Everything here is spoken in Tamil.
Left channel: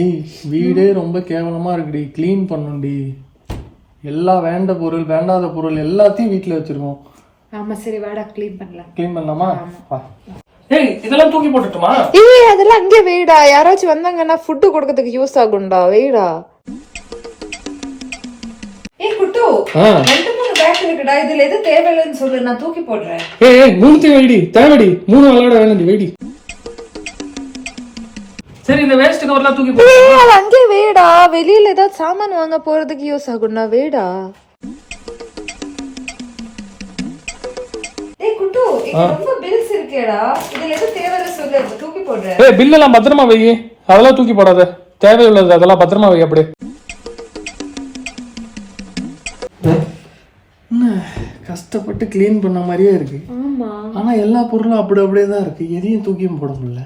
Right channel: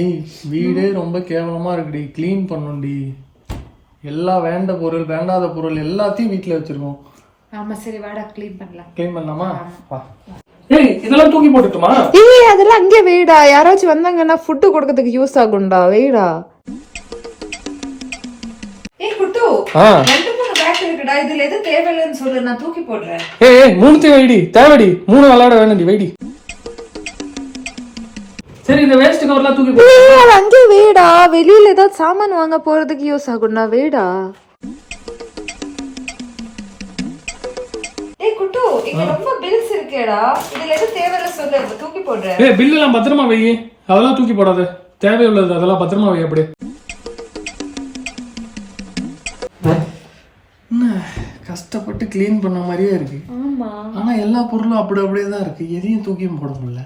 ஏய் வீடே ரொம்ப கேவலமா இருக்குடி, க்ளீன் பண்ணும்டி. எல்லா வேண்டாத பொருள் எல்லாத்தையும் வீட்டுல வச்சிருக்கோம். ஆமா சரி வாடா க்ளீன் பண்ணலாம். க்ளீன் பண்ணலாமா? வா. ஏய் இதெல்லாம் தூக்கி போட்டுட்டுமா? ஏய் அதெல்லாம் அங்கே வைடா, யாராச்சும் வந்தாங்கன்னா ஃபுட் கொடுக்கிறதுக்கு யூஸ் ஆகும்டா, வைடா. ஏய் குட்டு, ரெண்டு மூணு பேக் இருக்குடா, இதுல எது தேவையில்லைன்னு சொல்லு, நான் தூக்கி போடுறேன். ஏய் மூணுத்தையும் வைடி, தேவைடி, 3 விளையாட வேணும்டி, வைடி. சரி இந்த வேஸ்ட் கவர்லாம் தூக்கி போடு. அங்கே வைடா, வெளியில ஏதோ சாமான் வாங்க போறதுக்கு யூஸ் ஆகும்டா, வைடா. ஏய் குட்டு, இங்க ரொம்ப பில்ஸ் இருக்கேடா, இதுல எது தேவையில்லை சொல்லு, தூக்கி போடுறேன். ஏய் பில் எல்லாம் பத்திரமா வை, அதெல்லாம் தூக்கி போடாத, தேவையுள்ளது அதெல்லாம் பத்திரமா வை. அப்படியே கஷ்டப்பட்டு க்ளீன் பண்ண மாதிரியே இருக்கு. ஆமா ஆனா எல்லா பொருளும் அப்படியே தான் இருக்கு, எதையும் தூக்கியும் போட முடியல.